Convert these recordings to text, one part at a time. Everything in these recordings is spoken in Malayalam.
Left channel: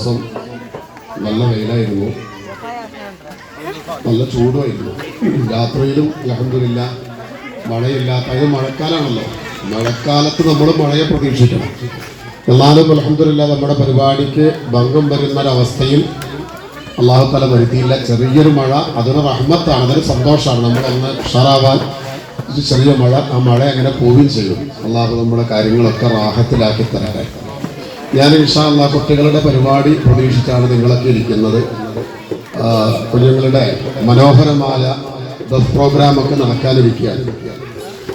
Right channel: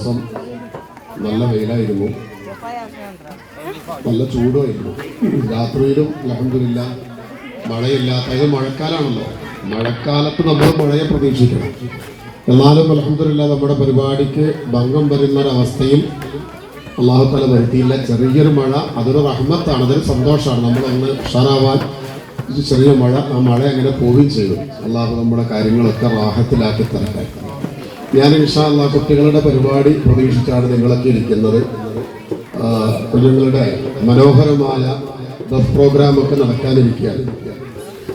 ദിവസം നല്ല വെയിലായിരുന്നു, നല്ല ചൂടുമായിരുന്നു. രാത്രിയിലും അൽഹംദുലില്ലാ മഴയില്ലാത്ത, അത് മഴക്കാലമാണല്ലോ, മഴക്കാലത്ത് നമ്മൾ മഴയെ പ്രതീക്ഷിക്കണം. എന്നാലും അൽഹംദുലില്ലാ നമ്മുടെ പരിപാടിക്ക് ഭംഗം വരുന്നൊരവസ്ഥയിൽ അല്ലാഹു തആല വരുത്തിയില്ല. ചെറിയൊരു മഴ, അതൊരു റഹ്മത്താണ്, അതൊരു സന്തോഷമാണ്. നമ്മളൊന്ന് ഉഷാറാവാൻ ഒരു ചെറിയ മഴ, ആ മഴ അങ്ങനെ പോവുകയും ചെയ്യും. അല്ലാഹു നമ്മുടെ കാര്യങ്ങളൊക്കെ റാഹത്തിലാക്കി തരട്ടെ. ഞാൻ ഇൻഷാ അല്ലാഹ് കുട്ടികളുടെ പരിപാടി പ്രതീക്ഷിച്ചാണ് നിങ്ങളൊക്കെ ഇരിക്കുന്നത്. കുഞ്ഞുങ്ങളുടെ മനോഹരമായ ദഫ് പ്രോഗ്രാമൊക്കെ നടക്കാനിരിക്കുകയാണ്.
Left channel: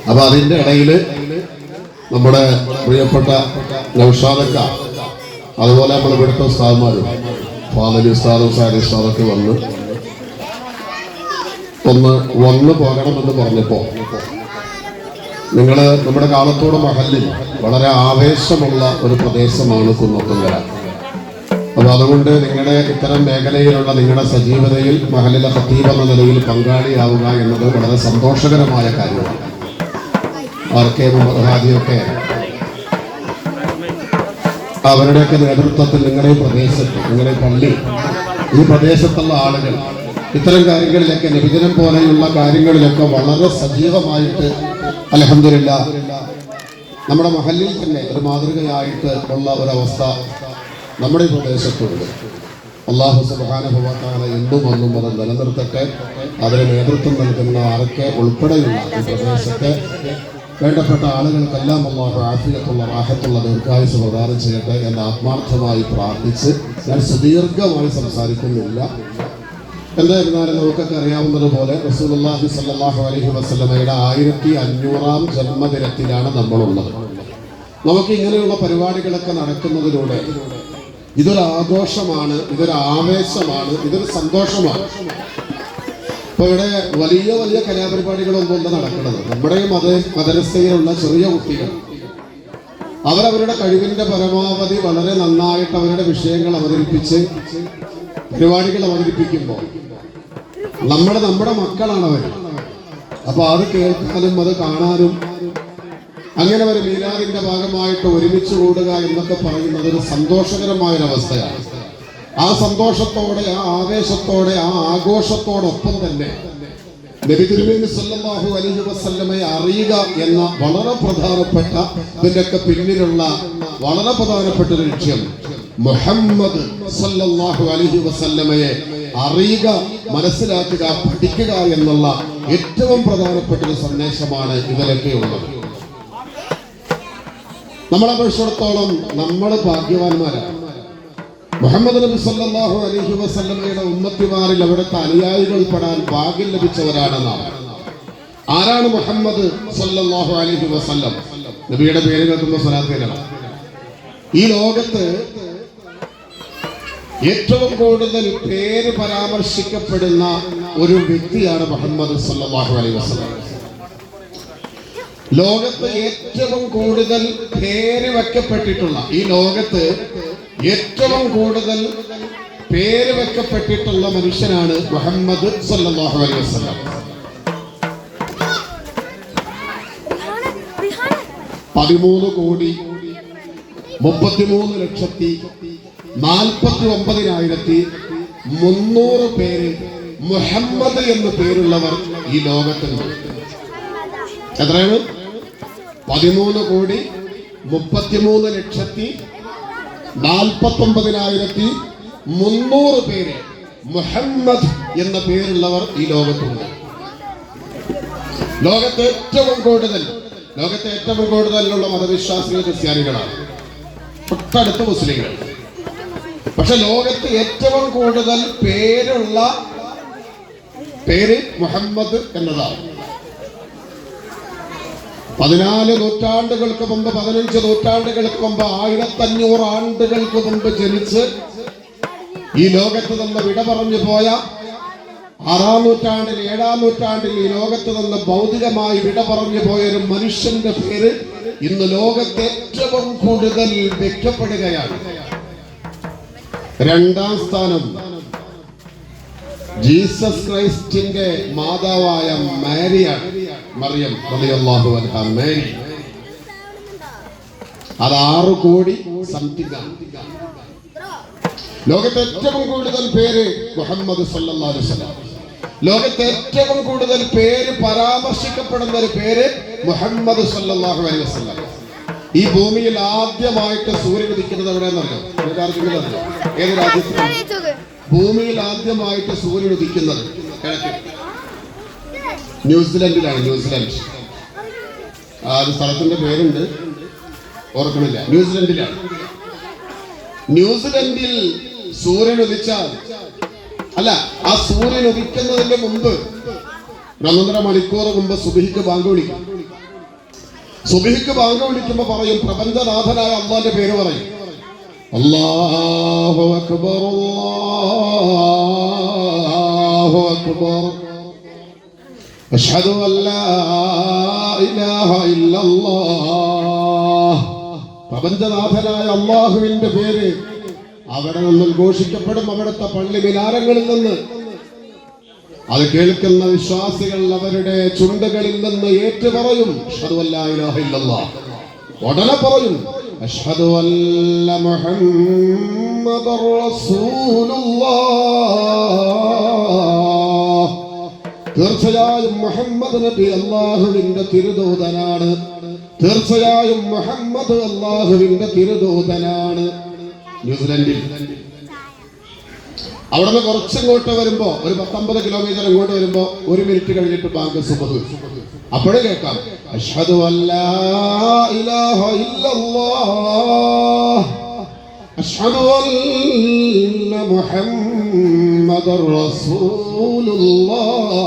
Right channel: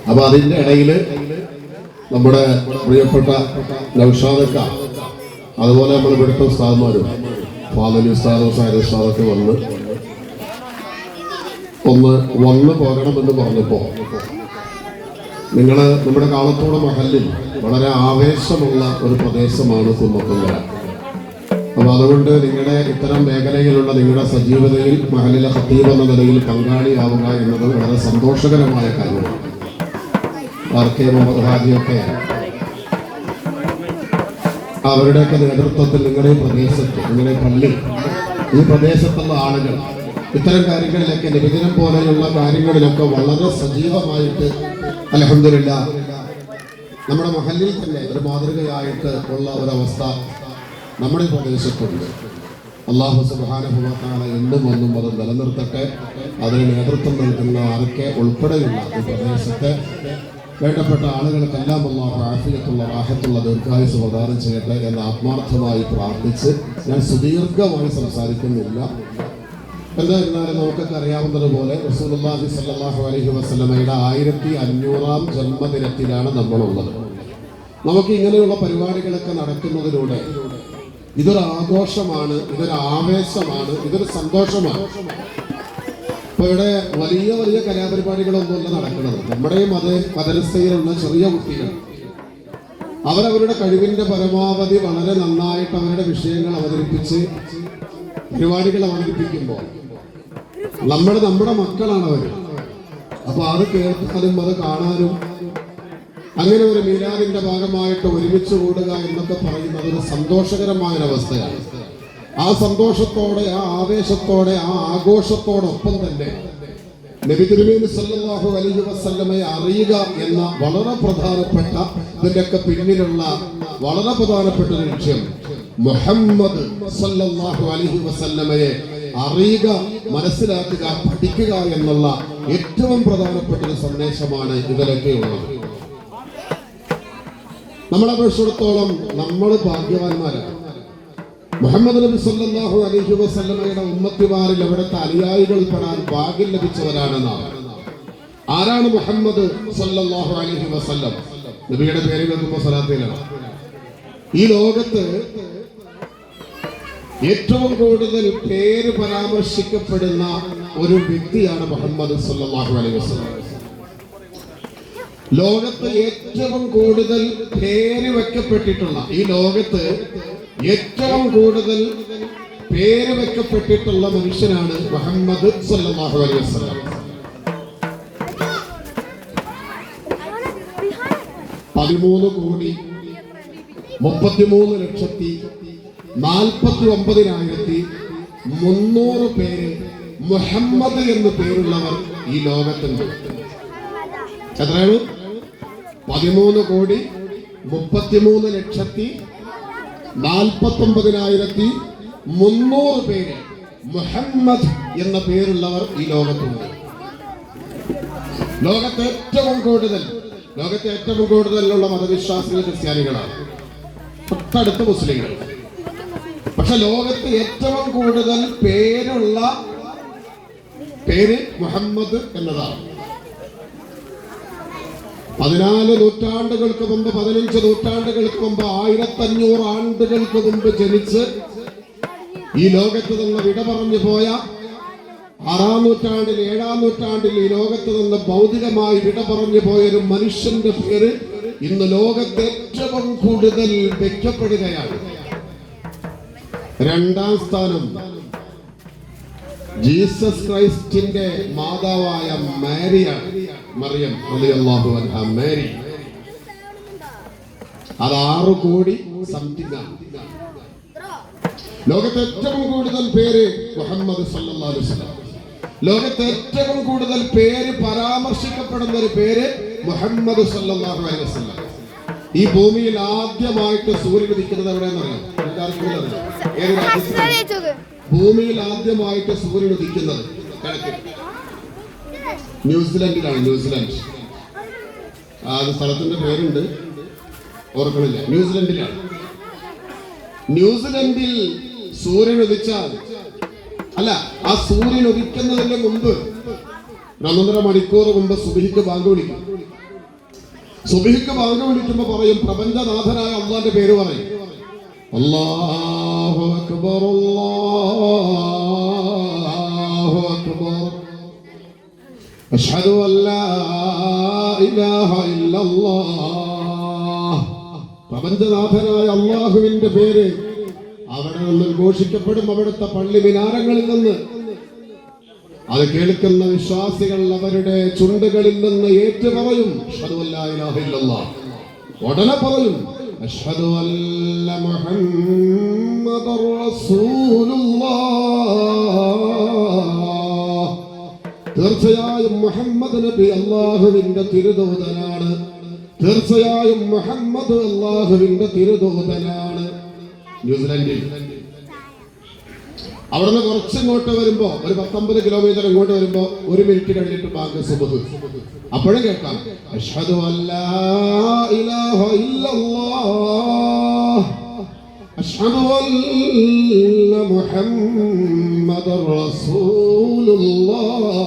അപ്പോൾ അതിൻ്റെ ഇടയിൽ നമ്മുടെ പ്രിയപ്പെട്ട നൗഷാദക്ക, അതുപോലെ നമ്മൾ ഇവിടുത്തെ ഉസ്താദ്മാരും ഫാദലി ഉസ്താദും സാരി ഉസ്താദൊക്കെ വന്ന് പോകണമെന്ന് പറഞ്ഞപ്പോൾ നിങ്ങൾ നമ്മുടെ കാലത്തോട് മഹല്ലിൽ വളരെ ആവേശമുള്ള ഒരു പ്രദേശമാണ് കുന്നത്തുങ്കര. അപ്പോൾ അതുകൊണ്ട് നിങ്ങളുടെ ഇത്തരം മേഖലയിലുള്ള നിങ്ങളുടെ സജീവതയിൽ മഹല്ലിലെ ഖത്തീബ് എന്ന നിലയിൽ പങ്കാളിയാവുക എന്നത് വളരെ സന്തോഷകരമായ കാര്യമാണ്. ആർക്കെ മുഹമ്മദ് ഹാജിയൊക്കെ അവരുടെയൊക്കെ നേതൃത്വത്തിൽ നിങ്ങളുടെ പ്രദേശത്ത്, നിങ്ങളുടെ പള്ളി, ഈ പ്രദേശത്തുള്ള ആളുകൾ ഇത്തരം കാര്യങ്ങളിലൊക്കെ നിബിധനം പോലെയുള്ള കാര്യങ്ങളിലൊക്കെ വളരെ സജീവമായിട്ട് അൽഹംദുലില്ലാ നമ്മുടെ മഹല്ലിൽ തന്നെ ഒരു മാതൃകയായിട്ട് ഉള്ള ഒരവസ്ഥ നമ്മുടെ പ്രദേശത്തുണ്ട്. അല്ലാഹു സുബ്ഹാനഹു വ തആല ഇന്നും അന്നും അത് നിലനിർത്തട്ടെ. അതിന് നേതൃത്വം നൽകുന്ന ആരൊക്കെ ഉൾപ്പെടെയുള്ള ഈ പ്രദേശത്തെ വേണ്ടപ്പെട്ട ആളുകൾക്കെല്ലാം അല്ലാഹു ആഫിയത്തുള്ള റാഹത്തുള്ള ദീർഘായുസ്സ് പ്രദാനം ചെയ്യട്ടെ എന്ന് ആത്മാർത്ഥമായി പ്രാർത്ഥിച്ച് ഞാൻ സുദീർഘമായി സംസാരിക്കുന്നില്ല. എന്തായിരുന്നാലും നമുക്കൊക്കെ അറിയാവുന്നതുപോലെ റസൂലുള്ളാഹി സ്വല്ലല്ലാഹു അലൈഹി വസല്ലമയുടെ 1500-ാം ജന്മദിനത്തിലാണ് നമ്മളുള്ളത്. നമുക്ക് ഇങ്ങനെയുള്ള പരിപാടികളൊക്കെ നടക്കുന്നതിലൂടെ ഇതൊരു ആഘോഷമാണ്, ഇതൊരു ആവേശമാണ്, ഇതൊരു സന്തോഷമാണ്. ഇപ്പൊ ഇവിടെ വലിയ വലിയ കലാപരിപാടികളൊന്നുമല്ല നടക്കുന്നത്. നമ്മുടെ ഈ മദ്രസയിലുള്ള ചെറിയ കുട്ടികൾ അവരവരുടെ കഴിവിന്റെ പരമാവധി വളരെ നന്നായിട്ട് അവരുടെ വിഷയങ്ങൾ അവതരിപ്പിച്ച് പരിപാടികൾ അവതരിപ്പിക്കുമ്പോൾ നമ്മുടെ മക്കളാണ് അവർ. അപ്പൊ അത് കേൾക്കാനും അത് കാണാനും അങ്ങനെ ഒരു മീലാദിന്റെ ഭാഗമായിട്ട് ഒരുമിച്ച് കൂടുക എന്നൊക്കെ പറയുന്നത് ഒരു സന്തോഷകരമായൊരവസ്ഥയാണ്. ആ സന്തോഷത്തോടെ, ആ ആവേശത്തോടെ, ആ ആഘോഷത്തോടൊപ്പം തന്നെ നബി തിരുമേനി സല്ലല്ലാഹു അലൈഹി വസല്ലമയെ അറിയുക എന്ന വളരെ പ്രധാനപ്പെട്ട, ഇതിന്റെയൊക്കെ പിന്നിലുള്ള വളരെ പ്രധാനപ്പെട്ട ഒരു ലക്ഷ്യം മുഹമ്മദ് സല്ലല്ലാഹു അലൈഹി വസല്ലമയെ അറിയുക, മനസ്സിലാക്കുക, പഠിക്കുക എന്നുള്ള ഏറ്റവും പ്രധാനപ്പെട്ട ഒരു സന്ദേശമാണ് ഇതിലൊക്കെയുള്ളത്. നമ്മളെ സംബന്ധിച്ചിടത്തോളം നമ്മൾ ഭാഗ്യവാന്മാരാണ്. മുഹമ്മദ് നബി സല്ലല്ലാഹു അലൈഹി വസല്ലമയുടെ ഉമ്മത്തിമാരിൽ അവിടുത്തെ അനുയായികൾ പെടാൻ ഭാഗ്യം ലഭിച്ചവരാണെന്നാണ്. ആരാണ് മുഹമ്മദ് സല്ലല്ലാഹു അലൈഹി വസല്ലം? നബിയുടെ പേര് കേൾക്കുമ്പോൾ സ്വലാത്തിലാണ്. ഈ ലോകത്ത് ഏറ്റവും കൂടുതൽ പേര് പരാമർശിക്കപ്പെടുന്ന ഒരു വ്യക്തിയാണ് മുഹമ്മദ് സല്ലല്ലാഹു അലൈഹി വസല്ലം. ലോകത്ത് ഏറ്റവും കൂടുതൽ പേര് വെക്കപ്പെട്ടിട്ടുള്ള, ഈ ലോകത്ത് ഏറ്റവും കൂടുതൽ പേര് വെക്കപ്പെട്ടിട്ടുള്ള മനുഷ്യനാണ് മുഹമ്മദ് സല്ലല്ലാഹു അലൈഹി വസല്ലം. 13,33,49,300 പേര് മുഹമ്മദ് എന്ന് പേരുള്ളവർ ഈ ലോകത്തുണ്ട്. എത്രയാണ്? 13,33,49,300 പേര് മുഹമ്മദ് എന്ന പേരുള്ളവർ ഈ ലോകത്തുണ്ട്. ലോകത്തെ ഏറ്റവും കൂടുതലുള്ള മതവിശ്വാസികൾ ക്രിസ്ത്യാനികളാണ്, തൊട്ടടുത്ത് മുസ്ലിങ്ങൾ. പക്ഷെ ലോകത്ത് ഏറ്റവും കൂടുതൽ പേര് മുഹമ്മദ് എന്നതാണ്. 14 നൂറ്റാണ്ടുകൾക്ക് മുമ്പ്, 15 നൂറ്റാണ്ടുകൾക്ക് മുമ്പ്, 1500 ആണ്ടുകൾക്ക് മുമ്പ് ജനിച്ച് ഈ ലോകത്ത് നിന്ന് വിട പറഞ്ഞു പോയ, 6-ാം നൂറ്റാണ്ടിൽ 7-ാം നൂറ്റാണ്ടിൽ ഈ ലോകത്ത് നിന്ന് ഭൗതികമായി വിട പറഞ്ഞു പോയ ഒരു മനുഷ്യന്റെ പേര് ഇന്ന് ലോകത്ത് ഏറ്റവും കൂടുതൽ വെക്കപ്പെടുകയാണ്. 2-ാം സ്ഥാനം ജീസസ് ക്രൈസ്റ്റിന്റെ മാതാവായ മാരിയാണ്, മറിയം റളിയല്ലാഹു അൻഹാ. മാരി അത് 6 കോടി സംതിങ് ആണ്. ലോകത്തെ ഏറ്റവും കൂടുതൽ പേര് മുഹമ്മദ് സല്ലല്ലാഹു അലൈഹി വസല്ലം. ലോകത്തെ ഏറ്റവും കൂടുതൽ പേര് പരാമർശിക്കപ്പെടുന്ന ഒരു പേര് മുഹമ്മദ് സല്ലല്ലാഹു അലൈഹി വസല്ലം. ഈ ഭൂമിയിൽ ആദ്യമായിട്ട് സൂര്യൻ ഉദിക്കുന്നത് എവിടെയെന്നറിയാം? ഏത് രാജ്യത്താണ് ഭൂമിയിൽ ആദ്യമായിട്ട് സൂര്യൻ ഉദിക്കുന്നത്? ന്യൂസിലൻഡിലാണ്. ന്യൂസിലൻഡ്. ആ സ്ഥലത്തിന്റെ പേരുണ്ട്, ഓർക്കണില്ല. ന്യൂസിലൻഡിലാണ്. ന്യൂസിലൻഡിൽ സൂര്യൻ ഉദിച്ചാൽ, അല്ല, ആ സൂര്യൻ ഉദിക്കുന്നതിന്റെ മുമ്പ് 1.5 മണിക്കൂർ മുമ്പ് സുബ്ഹിക്ക് ബാങ്ക് വിളിക്കും. സുബ്ഹിക്ക് ബാങ്ക് വിളിക്കുമ്പോ പറയും, പ്രപഞ്ചനാഥനായ അല്ലാഹുവിന്റെ പേര് പറയും. അല്ലാഹു അക്ബർ, അല്ലാഹു അക്ബർ, അശ്ഹദു അല്ലാ ഇലാഹ ഇല്ലല്ലാഹ്. പ്രപഞ്ചനാഥനായ അല്ലാഹുവിന്റെ പേര് അവിടെ നിന്ന് ഘോഷിക്കപ്പെടും. അവിടുത്തെ പള്ളി മിനാരങ്ങളിൽ നിന്ന് അത് കേൾക്കുന്ന വിശ്വാസികൾ അവരുടെ ചുണ്ടുകളിൽ നിന്ന് ഏറ്റുപറയും, അശ്ഹദു അല്ലാ ഇലാഹ ഇല്ലല്ലാഹ്. ഉടനെ പറയും, അശ്ഹദു അന്ന മുഹമ്മദർ റസൂലുള്ളാഹ്. തീർച്ചയായും മുഹമ്മദ് നബി അല്ലാഹുവിന്റെ തിരുദൂതനാണ്. തീർച്ചയായും മുഹമ്മദ് അല്ലാഹുവിന്റെ തിരുദൂതനാണ്. ന്യൂസിലൻഡിൽ അവിടുന്ന് കുറച്ചിങ്ങോട്ട് വരുമ്പോ, ഒരു 19 കിലോമീറ്റർ ഇങ്ങോട്ട് വരുമ്പോ 1 മിനിറ്റ് കഴിഞ്ഞിട്ട് ബാങ്ക് സുബ്ഹ്. അപ്പോഴേ കേൾക്കാം, അശ്ഹദു അല്ലാ ഇലാഹ ഇല്ലല്ലാഹ്, അശ്ഹദു അന്ന മുഹമ്മദർ റസൂലുള്ളാഹ്.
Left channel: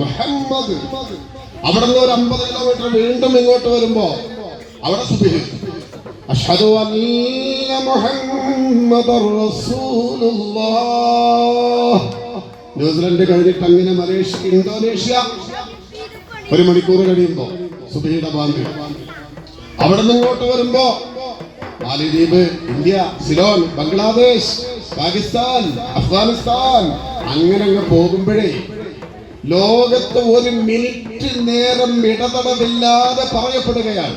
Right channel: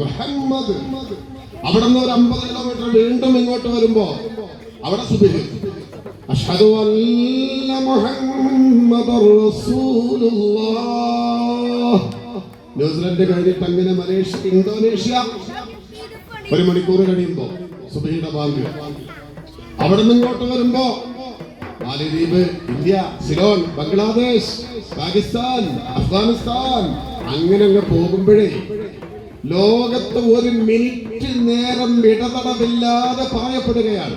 മുഹമ്മദ്. അവിടുന്ന് ഒരു 50 കിലോമീറ്റർ വീണ്ടും ഇങ്ങോട്ട് വരുമ്പോ അവിടെ സുബ്ഹ്. അശ്ഹദു അന്ന മുഹമ്മദർ റസൂലുള്ളാഹ്. ന്യൂസിലൻഡ് കഴിഞ്ഞിട്ട് അങ്ങനെ മലേഷ്യ, ഇന്തോനേഷ്യ 1 മണിക്കൂർ കഴിയുമ്പോ സുബ്ഹിയുടെ ബാങ്ക്. അവിടെ നിന്ന് ഇങ്ങോട്ട് വരുമ്പോ മാലിദ്വീപ്, ഇന്ത്യ, സിലോൺ, ബംഗ്ലാദേശ്, പാകിസ്ഥാൻ, അഫ്ഗാനിസ്ഥാൻ, അങ്ങനെ അങ്ങ് പോകുമ്പോഴേ ലോകത്ത് 1 മിനിറ്റ് നേരം ഇടതടവില്ലാതെ പറയപ്പെടുകയാണ്.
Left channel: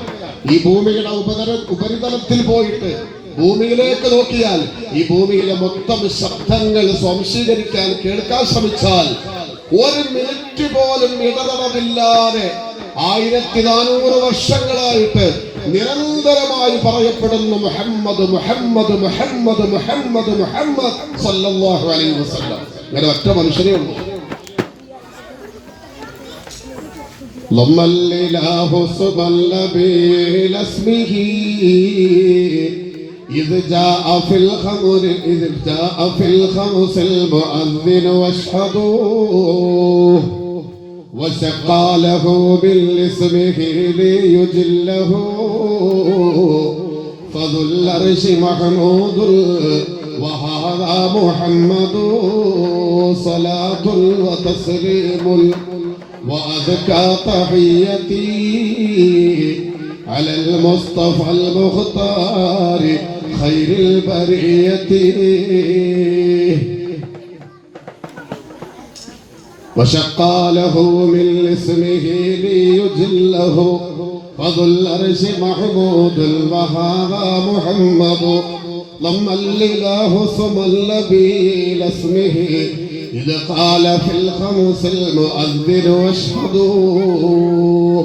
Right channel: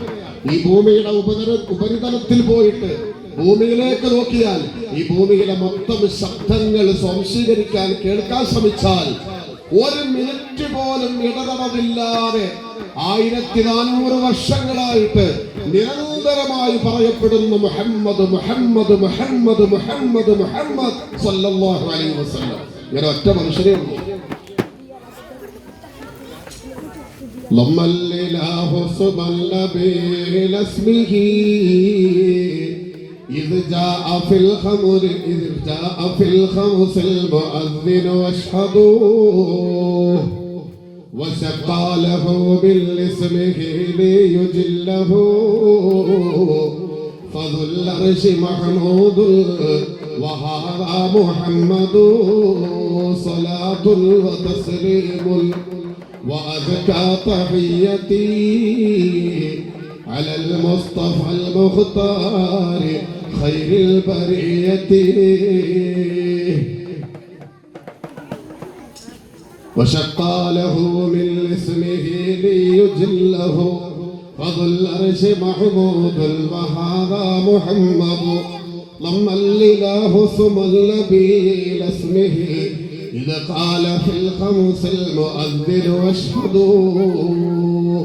ഈ ഭൂമിയുടെ ഉപരിതലത്തിൽ പോയിട്ട് ഭൂമിയിലേക്ക് നോക്കിയാൽ ഈ ഭൂമിയിലെ മൊത്തം ശബ്ദങ്ങൾ സ്വാംശീകരിക്കാൻ, കേൾക്കാൻ ശ്രമിച്ചാൽ 1 മിനിറ്റ് പോലും ഇടതടവില്ലാതെ 1400 വർഷങ്ങളായിട്ട് നിരന്തരമായി പറയപ്പെടുന്നു മുഹമ്മദ് മുഹമ്മദ് മുഹമ്മദ് മുഹമ്മദ് മുഹമ്മദ് സല്ലല്ലാഹു അലൈഹി വസല്ലം. ഇങ്ങനെ ഒറ്റ മനുഷ്യനേ ഉള്ളൂ. ضم الإله اسما نبيل اسمه إذ جاء في الخمس المؤذن واشهدوه وسقى له بالاسمه ليجله فذو العرش محمود وهذا محمد صلاة وتسليم وأزكى تحيتي على المصطفى المختار خير البرية وشقى له من اسمه ليجله فذو العرش محمود وهذا محمد ضم الإله ثم النبي لاسمه إذا قال في الخمس المؤذن واشهدوا.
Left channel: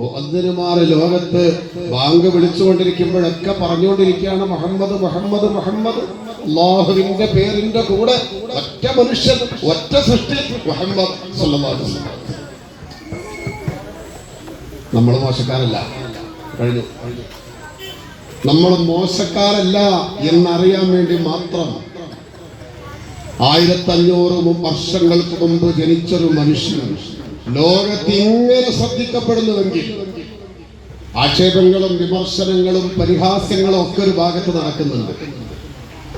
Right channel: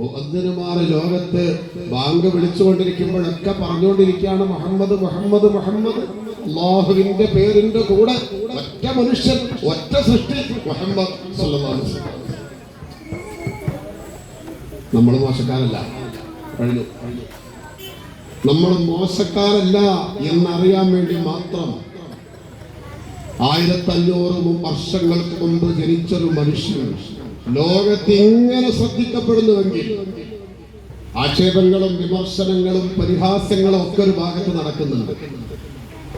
മുഅദ്ദിനുമാർ ലോകത്ത് ബാങ്ക് വിളിച്ചുകൊണ്ടിരിക്കുമ്പോഴൊക്കെ പറഞ്ഞുകൊണ്ടിരിക്കുകയാണ് മുഹമ്മദ് മുഹമ്മദ് മുഹമ്മദ്. അല്ലാഹുവിന്റെ പേരിന്റെ കൂടെ ഒറ്റ മനുഷ്യൻ, ഒറ്റ സൃഷ്ടി, മുഹമ്മദ് സല്ലല്ലാഹു അലൈഹി വസല്ലം. നമ്മൾ മോശക്കാരല്ല. കഴിഞ്ഞു. നമ്മൾ മോശക്കാരല്ല എന്നറിയാൻ വേണ്ടി മാത്രം 1500 വർഷങ്ങൾക്ക് മുമ്പ് ജനിച്ചൊരു മനുഷ്യൻ ലോകത്ത് ഇങ്ങനെ ശ്രദ്ധിക്കപ്പെടുന്നുവെങ്കിൽ ആക്ഷേപങ്ങളും വിമർശനങ്ങളും പരിഹാസ്യങ്ങളും ഒക്കെ ഒരു ഭാഗത്ത് നടക്കുന്നുണ്ട്.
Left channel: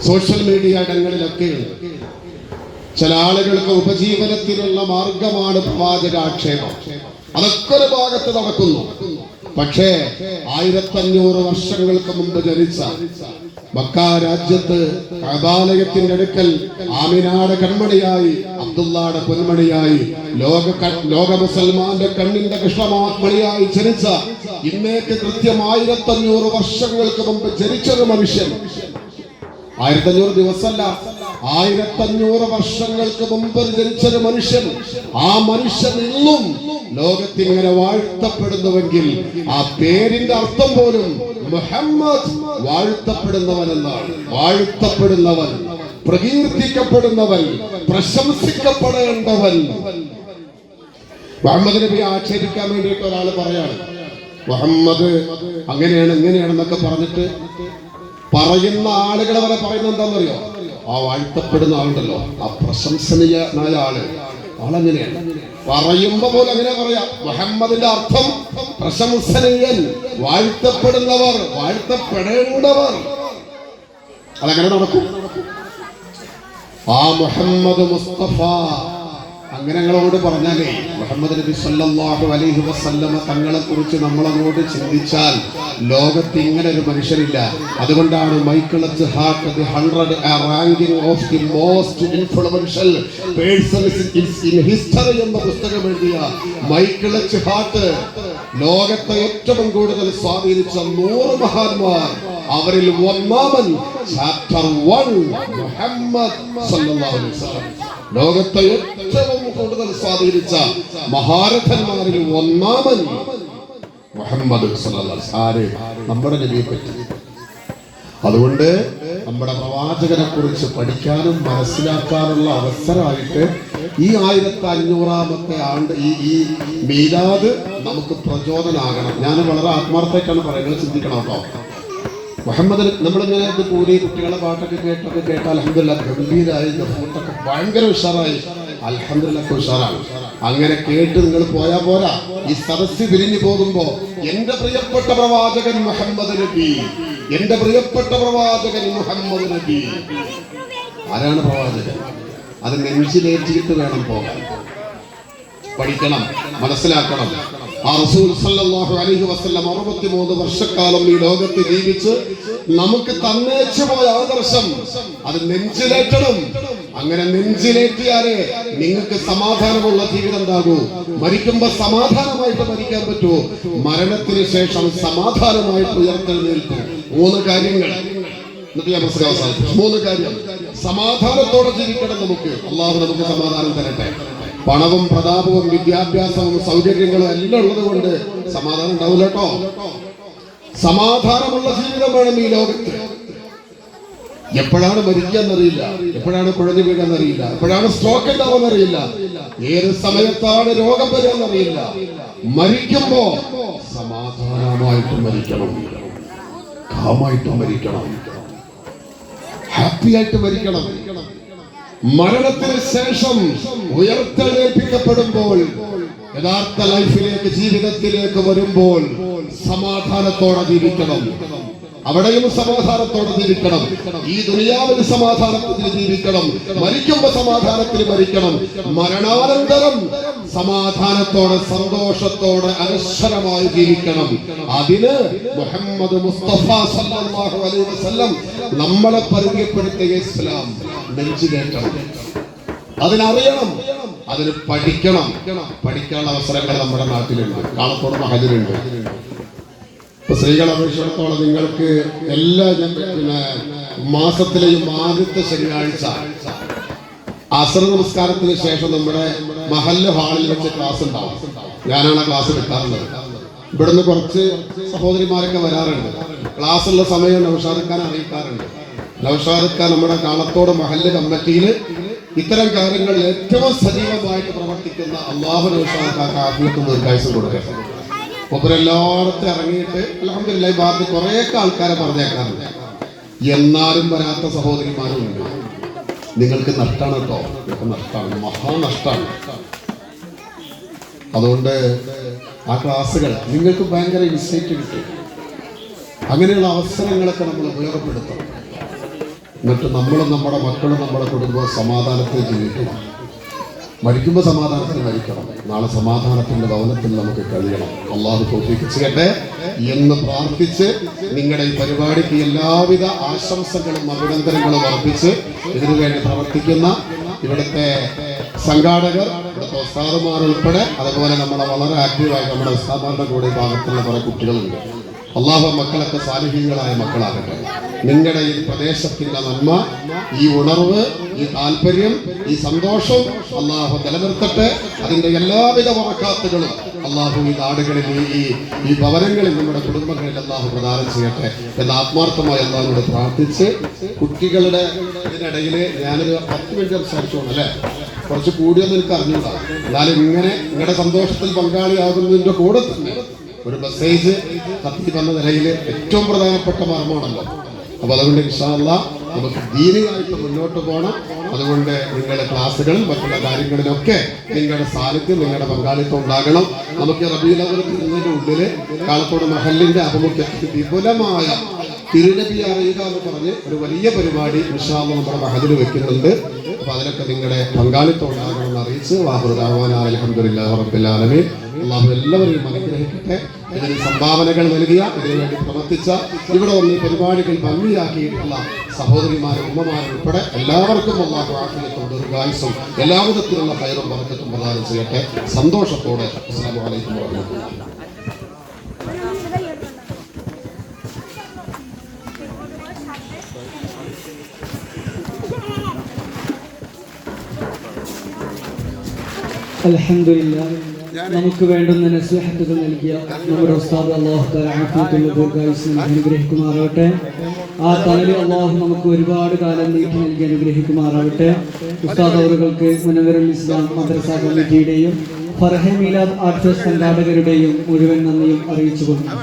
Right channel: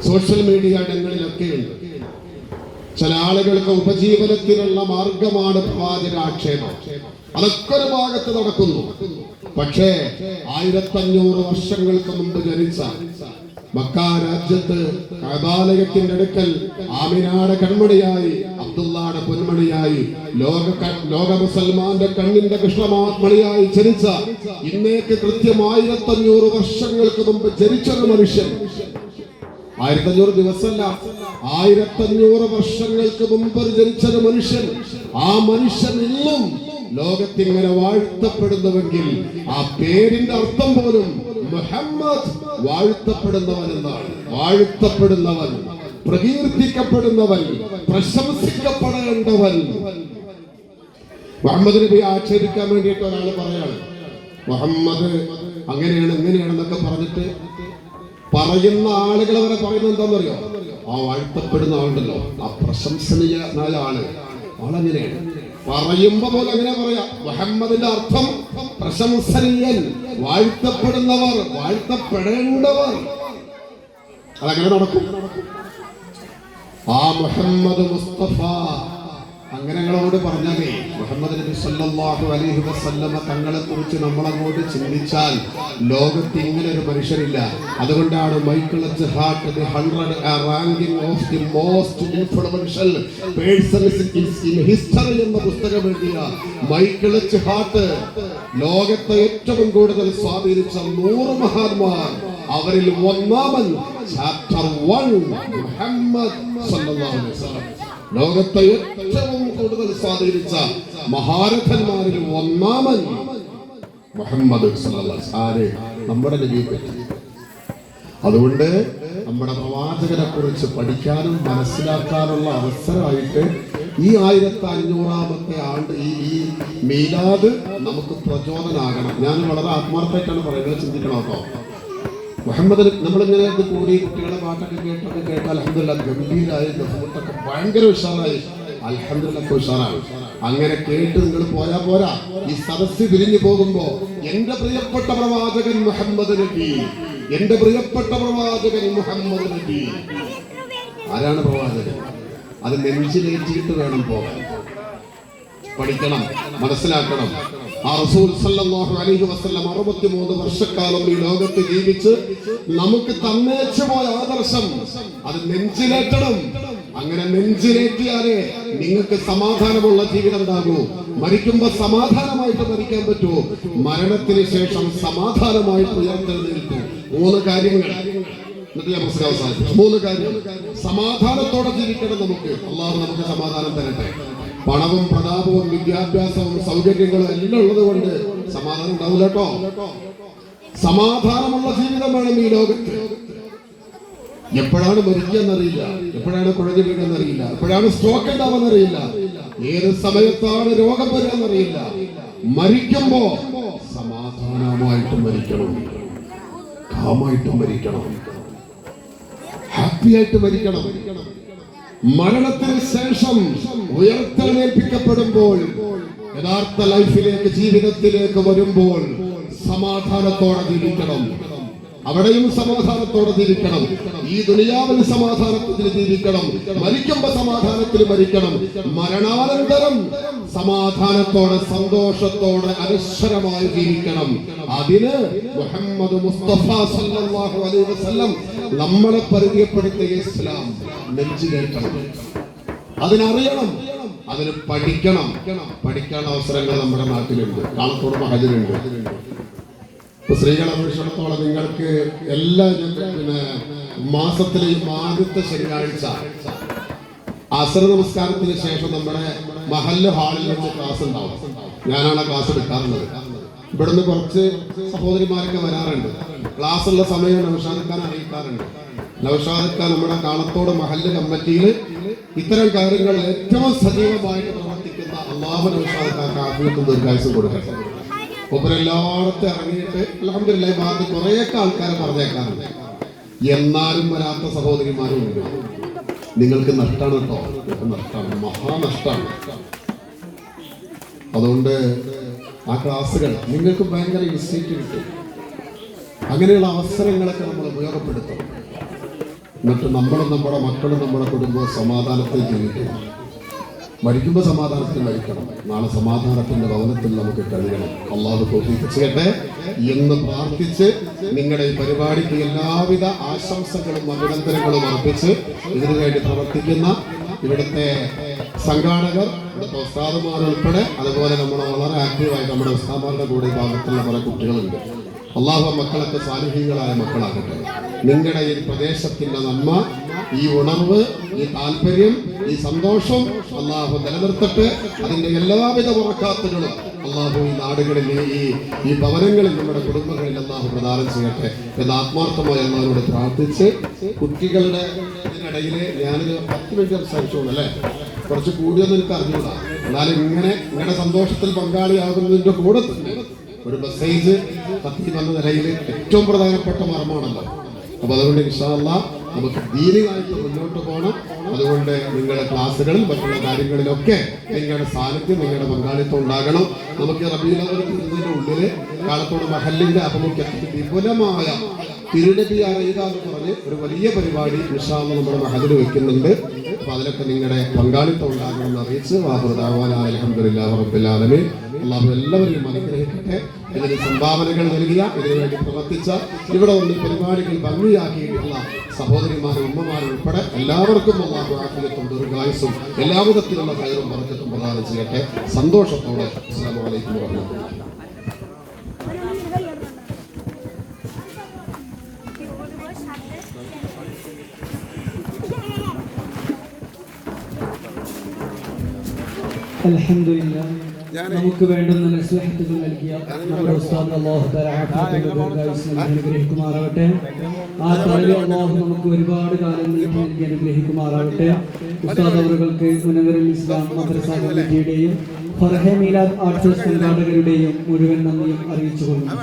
സോഷ്യൽ മീഡിയ ഇടങ്ങളിലൊക്കെയുണ്ട്. ചില ആളുകൾക്ക് ഉപജീവനത്തിനുള്ള മാർഗമാണ് പ്രവാചക ആക്ഷേപം. അതൊക്കെ ഒരു ഭാഗത്ത് നടക്കുന്നു. പക്ഷേ 1500 വർഷങ്ങൾക്ക് മുമ്പ് ജനിച്ച മക്ക രാജ്യത്ത് കഅബാലയത്തിന്റെ അടുക്കൽ ആമിനാടെ കൺമണിയായി, അബ്ദുള്ളാടെ പൊന്മണിയായി, ലോക മുസൽമാന്റെ കണ്ണിന്റെ കൃഷ്ണമണിയായി ജനിച്ച, ഇന്നേക്ക് കൃത്യം 1500 വർഷങ്ങൾക്ക് മുമ്പ് ജനിച്ചൊരു മനുഷ്യൻ 1500 ദിവസമല്ല, 1500 വർഷങ്ങൾക്ക് മുമ്പ് ജനിച്ചൊരു മനുഷ്യൻ, ആ മനുഷ്യൻ ഇന്നും ലോകത്തിങ്ങനെ വാഴ്ത്തപ്പെടുന്നുവെങ്കിൽ ആ പേരിന്റെ അർത്ഥം പോലും മുഹമ്മദ് വാഴ്ത്തപ്പെടുന്നവൻ എന്നാണ്. വാഴ്ത്തപ്പെടുന്നവൻ, പ്രകീർത്തിക്കപ്പെടുന്നവൻ, പ്രശംസിക്കപ്പെടേണ്ടവൻ. മുഹമ്മദ് നബി ആക്ഷേപിക്കാൻ വേണ്ടിയിട്ട് ഒരാൾ പറയാണ്, മുഹമ്മദ് അങ്ങനെയാണ് ഇങ്ങനെയാണെന്നൊക്കെ പറഞ്ഞിട്ട് പറയുന്ന ആളുകളെ വരെ പറയുന്നത് എന്താണെന്നറിയോ? ആ വാഴ്ത്തപ്പെടുന്ന ആളുണ്ടല്ലോ, ആ പ്രശംസനീയനായ ആളെങ്ങനെയാണ് പറയുമ്പോ പോലെ അങ്ങനെ പറയാം. മുഹമ്മദിന്റെ അർത്ഥം പ്രശംസനീയൻ, വാഴ്ത്തപ്പെടുന്നവർ, വാഴ്ത്തപ്പെടേണ്ടവർ. അതങ്ങനെ നടക്കും. ആ മുഹമ്മദ് മുസ്തഫ അങ്ങനെ ഞങ്ങളോട് പറഞ്ഞാലേ, മുഹമ്മദ് നബി സല്ലല്ലാഹു അലൈഹി വസല്ലമ തങ്ങളെ കുറിച്ച് നമ്മളങ്ങോട്ട് ചിന്തിച്ചാൽ ലോകത്ത് ഇങ്ങനെ ഒരു മനുഷ്യരില്ല. അതുകൊണ്ടാണ് Michael H Hart the 100 ranking of the most influential persons in history എന്ന പുസ്തകം എഴുതിയ മൈക്കിൾ എച്ച് ഹാർട്ട് ലോകത്തെ ഏറ്റവും കൂടുതൽ സ്വാധീനിച്ച 100 മഹാന്മാർ, അവരിൽ ഒന്നാമൻ ചാപ്റ്റർ 1 മുഹമ്മദ് സല്ലല്ലാഹു അലൈഹി വസല്ലം. ലോകത്തെ ഏറ്റവും കൂടുതൽ സ്വാധീനിച്ച മഹാരഥന്മാരിൽ ഒന്നാമൻ മുഹമ്മദ് സല്ലല്ലാഹു അലൈഹി വസല്ലം, നമ്മുടെ നബിയെ പറ്റി. അതുകൊണ്ട് നമ്മുടെ പ്രവാചകനെ കുറിച്ച് പഠിക്കാനും മനസ്സിലാക്കാനുള്ള അവസരമായിട്ട് ഈ 1500ാമത്തെ ആണ്ട് ഈ മീലാദ് നമുക്ക് പ്രചോദനമാകണം. ഞാൻ വളരെ ആത്മാർത്ഥമായിട്ടാണ് പറയുന്നത്, ചിന്തിക്കണം കേട്ടോ. മുഹമ്മദിന് നമ്മളിങ്ങനെ കൂടി കുട്ടികളെ പാട്ടൊക്കെ കേട്ട് അൽഹംദുലില്ലാഹ് ഗംഭീരായി, ഒക്കെ ഭയങ്കര ഉഷാറായി, അൽഹംദുലില്ലാഹ് ഉഷാറാണ്. അങ്ങനെ കേട്ട് നിങ്ങൾ പോയാ പോരാ. ഈ സദസ്സിൽ പിരിഞ്ഞു പോകുമ്പോ എന്റെ പ്രിയപ്പെട്ട പ്രവാചകൻ മുഹമ്മദ് നബി, എന്റെ പ്രിയപ്പെട്ട പ്രവാചകൻ മുഹമ്മദ് നബി. ആരാണ് പ്രവാചകൻ? അത് നെഞ്ചിലേറ്റിയിട്ട് വേണം പോകാൻ. പഠിക്കണം, മനസ്സിലാക്കണം. ആ റസൂൽ സല്ലല്ലാഹു അലൈഹി വസല്ലം 63 വർഷക്കാലം ഈ ലോകത്ത് ജീവിച്ച് നമുക്ക് തന്നേച്ചു പോയ ആദർശം അത് നെഞ്ചിലേറ്റണം. അങ്ങനെ നെഞ്ചിലേറ്റിയാലേ നിങ്ങൾക്ക് സമാധാനമുള്ള ജീവിതം ഉണ്ടാകൂ. മരിക്കുമ്പോ സമാധാനമായിട്ട് മരിക്കാൻ പറ്റൂ, മരണത്തിന് ശേഷം സമാധാനമായിട്ട് ഉയർത്തെഴുന്നേൽക്കൂ. 3 കാര്യങ്ങൾ സമാധാനത്തോടെ ജീവിക്കണം. നമുക്ക് അല്ലാഹു നമുക്ക് സമാധാനം തരട്ടെ. പണവും പ്രതാപവും വിദ്യാഭ്യാസവും സൗകര്യങ്ങളും എല്ലാം ഉള്ളത് കൊണ്ട് സമാധാനം ഉണ്ടാവില്ല കേട്ടോ. സമാധാനമുള്ള ജീവിതം വേണം ഈ ലോകത്ത്. എപ്പോഴാണ് മരിക്കാന്നറിയില്ല, എപ്പോഴാണ് കുഴഞ്ഞു വീഴാന്നറിയില്ല, എപ്പോഴാണ് സ്ട്രോക്ക് ഉണ്ടാവുന്നറിയില്ല, ഏത് സമയത്താണ് രോഗം വരാന്നറിയില്ല. മരിക്കുമ്പോ സമാധാനമായിട്ട് മരിക്കണം, കാമായിട്ട് മരിക്കണം, ഹാപ്പി ആയിട്ട് മരിക്കണം. മരണത്തിന് ശേഷം ഉയർത്തെഴുന്നേൽപ്പിക്കപ്പെടുമ്പോൾ യഥാർത്ഥ ലൈഫിലേക്ക്, ജീവിതത്തിലേക്ക് വരുമ്പോൾ സമാധാനത്തോടെ ജീവിക്കണം. അവിടെയും സമാധാനത്തോടെ ജീവിക്കണം. ഈ ദുനിയാവിൽ സമാധാനത്തിൽ ജീവിക്കണം. മരിക്കുമ്പോ സമാധാനത്തിൽ മരിക്കണം. മരണാനന്തരം സമാധാനത്തോടെ, സന്തോഷത്തോടെ, അനശ്വരമായി ജീവിക്കണം. അതിന് മുഹമ്മദ് മുസ്തഫ സല്ലല്ലാഹു അലൈഹി വസല്ലം നമ്മളെ പരിചയപ്പെടുത്തിയ ഇസ്ലാം നെഞ്ചിലേറ്റണം. അതിനറിയണം, അതിന് പഠിക്കണം. പഠിക്കാനുള്ള അവസരങ്ങൾ നമ്മുടെ നാട്ടിലുണ്ട്, കാളത്തോട് മഹലിലുണ്ട്. സ്ത്രീകളെ അപേക്ഷിച്ചിടത്തോളം നിങ്ങൾക്ക് എല്ലാ മാസത്തിലെയും ആദ്യത്തെ ശനിയാഴ്ച അസർ നമസ്കാരത്തിന് ശേഷം നമ്മുടെ മഹല്ല് ഹാളിൽ വെച്ച് ക്ലാസ് ഉണ്ടാവും. ഞാനാണ് ക്ലാസ് കിട്ടാറുള്ളത്. ഇവിടുന്ന് കുറച്ച് സഹോദരിമാരൊക്കെ വരാറുണ്ട്. ക്ലാസ്സുള്ള സമയം നൗഷാദ് ഖാൻ അറിയിക്കാറുണ്ട്. നൗഷാദ് ഖാൻ നമ്മുടെ കാളത്തോട് മഹല്ല് കമ്മിറ്റിയിൽ ഇത്തരം കാര്യങ്ങളിൽ ഏറ്റവും സജീവമായിട്ട് പ്രവർത്തിക്കുന്ന അല്ലാഹു നൗഷാദ് ഖാൻ ആത്മീയത്വം ദീർഘായുസ്സും കൊടുക്കട്ടെ. ഒപ്പരെല്ലായിടത്തും ഇറങ്ങിയിട്ട് അൽഹംദുലില്ലാഹ് ബാക്കി കുറേയൊക്കെ ആൾക്കാരെ പറഞ്ഞേക്കാറുണ്ട്. എന്നാലും വരാത്ത സഹോദരിമാരും ഉണ്ട്. നിങ്ങൾക്ക് നഷ്ടമാണ് കേട്ടോ, നഷ്ടമാണ്, മഹാനഷ്ടമാണ്. അതുകൊണ്ട് ആ ക്ലാസ്സുകൾ നിങ്ങൾക്ക് ഭയങ്കര ഇൻസൈറ്റ് കിട്ടും. അങ്ങനെയുള്ള അവസരങ്ങളൊക്കെ നമ്മൾ ഉപയോഗപ്പെടുത്തണം. എന്നിട്ട് നമ്മളും നമ്മുടെ മക്കളും നമ്മുടെ കുടുംബവും സമാധാനത്തിൽ ജീവിക്കണം. മരിക്കുമ്പോൾ സമാധാനത്തിൽ മരിക്കണം. നാളെ സമാധാനത്തിന്റെ ഭവനത്തിൽ നമുക്ക് കഴിയണം. അല്ലാഹു തൗഫീഖ് ചെയ്യട്ടെ എന്ന് പ്രാർത്ഥിച്ച് നിങ്ങളുടെ ഈ പരിപാടിക്ക് എല്ലാവിധ ആശംസകളും അഭിനന്ദനങ്ങളും അർപ്പിച്ച് ഇതിനു വേണ്ടി പ്രവർത്തിക്കുന്ന ഇവിടുത്തെ സംഘാടകർ, ഇവിടുത്തെ ഉസ്താദുമാർ ഉൾപ്പെടെ, അതുപോലെ നമ്മളെ വളരെ ആക്റ്റീവായി നമ്മുടെ ഉസ്താദുമാരുടെ കൂടെ ഭാഗത്തുള്ള പല കുട്ടികളുണ്ട്. അള്ളാഹു മക്കളൊക്കെ സാലിഹീങ്ങളായ മക്കളാകട്ടെ. നിങ്ങളുടെ ഈ പ്രദേശത്തിന്റെ നന്മ, ഈ ഉണർവ്, ഈ താല്പര്യം, ഈ സന്തോഷം അള്ളാഹു നിലനിർത്തട്ടെ. അതിന്റെ എല്ലാവിധ ബറകാത്തുകളും അള്ളാഹു ഈ നാടുകളിൽ, ഈ ഭവനങ്ങളിൽ, നമ്മുടെ കുടുംബങ്ങളിൽ അള്ളാഹു പ്രദാനം ചെയ്യട്ടെ എന്ന് ആത്മാർത്ഥമായി അള്ളാഹുവോട് പ്രാർത്ഥിച്ച്, കുട്ടികളുടെ ഇതിനിടയിൽ ഞാനൊരു 10 മിനിറ്റ് സംസാരിച്ചോളൂ അല്ലേ, കുറച്ച് കൂടിയൊന്നും എനിക്ക് അറിഞ്ഞില്ല. എന്നാലും ഇങ്ങനെ നിങ്ങളുടെ സന്തോഷത്തിൽ പങ്കാളിയാകുന്നതിന്റെ കൂടെ തന്നെ ഒരു മെസ്സേജ് കത്തി വന്ന നിലയിൽ ഏറ്റവും പ്രധാനപ്പെട്ട മർമ്മമാണല്ലോ. അപ്പൊ അതുകൊണ്ട് ഇൻഷാ അല്ലാഹ് നമുക്ക് ദീനിയായിട്ട് മുന്നോട്ട് പോകണം. അതുകൊണ്ട് നിങ്ങളുടെ ക്ലാസ്സുകളും മറ്റുള്ള കാര്യങ്ങളിലൊക്കെ നിങ്ങളുടെ സാന്നിധ്യം, നിങ്ങളുടെ പങ്കാളിത്തം ഉണ്ടാകണം. നമുക്ക് റബീഉൽ അവ്വൽ ഇതിന്റെ ഉള്ളില് കാലത്തോട് മഹല്ലിന്റെ ആഭിമുഖ്യത്തിൽ വിപുലമായ തിരുനബി അറിയുക എന്ന് പറഞ്ഞ് ഒരു വലിയ പരിപാടി ഇൻഷാ അല്ലാഹ് നമ്മുടെ മഹല്ലിൽ വെക്കുന്നുണ്ട്. അപ്പൊ അതിലൊക്കെ നിങ്ങളുടെ പങ്കാളിത്തം ഉണ്ടാകണമെന്ന് അറിയിച്ച് വാഹിറു ദഅവാനാ അൽഹംദുലില്ലാഹി റബ്ബിൽ ആലമീൻ. അള്ളാഹു എല്ലാവരെയും അനുഗ്രഹിക്കട്ടെ. ഇതിന് സംഭാവനകൾ നൽകിയ, ഇതിനുവേണ്ടി പ്രവർത്തിച്ച, ഇവിടെ വന്ന് പരിപാടികൾ ഭംഗിയാക്കിയിട്ടുള്ള സഹോദരിമാരും ഉമ്മമാരും ഉൾപ്പെടെ എല്ലാവർക്കും അള്ളാഹു ആഫിയത്തും ദീർഘായുസ്സും എല്ലാ വിധത്തിലുള്ള ഖൈറും ബറക്കത്തും പ്രദാനം ചെയ്യട്ടെ. സന്തോഷത്തോടെ അസ്സലാമു അലൈക്കും വറഹ്മത്തുള്ളാഹി. അൽഹംദുലില്ലാഹ്. നമുക്ക് വേണ്ടുന്ന നസീഹത്തുകൾ നൽകിയ നമ്മുടെ ഉസ്താദ് അല്ലാഹു തആല ആഫിയത്തുള്ള ദീർഘായുസ്സ് അനുഗ്രഹിക്കുമാറാവട്ടെ. ആ തലയിൽ അല്ലാഹു നമുക്ക് ഒരുപാട് കാലം നീട്ടി നൽകി അനുഗ്രഹിക്കുമാറാവട്ടെ. ഉസ്താദ് അവർക്ക് മുനവ്വറുൽ ഇസ്ലാം മദ്രസ കമ്മിറ്റിയുടെയും ഫർഹ മീലാദ് ആർട്സ് സംഘാടകരുടെയും മുഴുവൻ നന്ദിയും അറിയിച്ചുകൊള്ളുന്നു.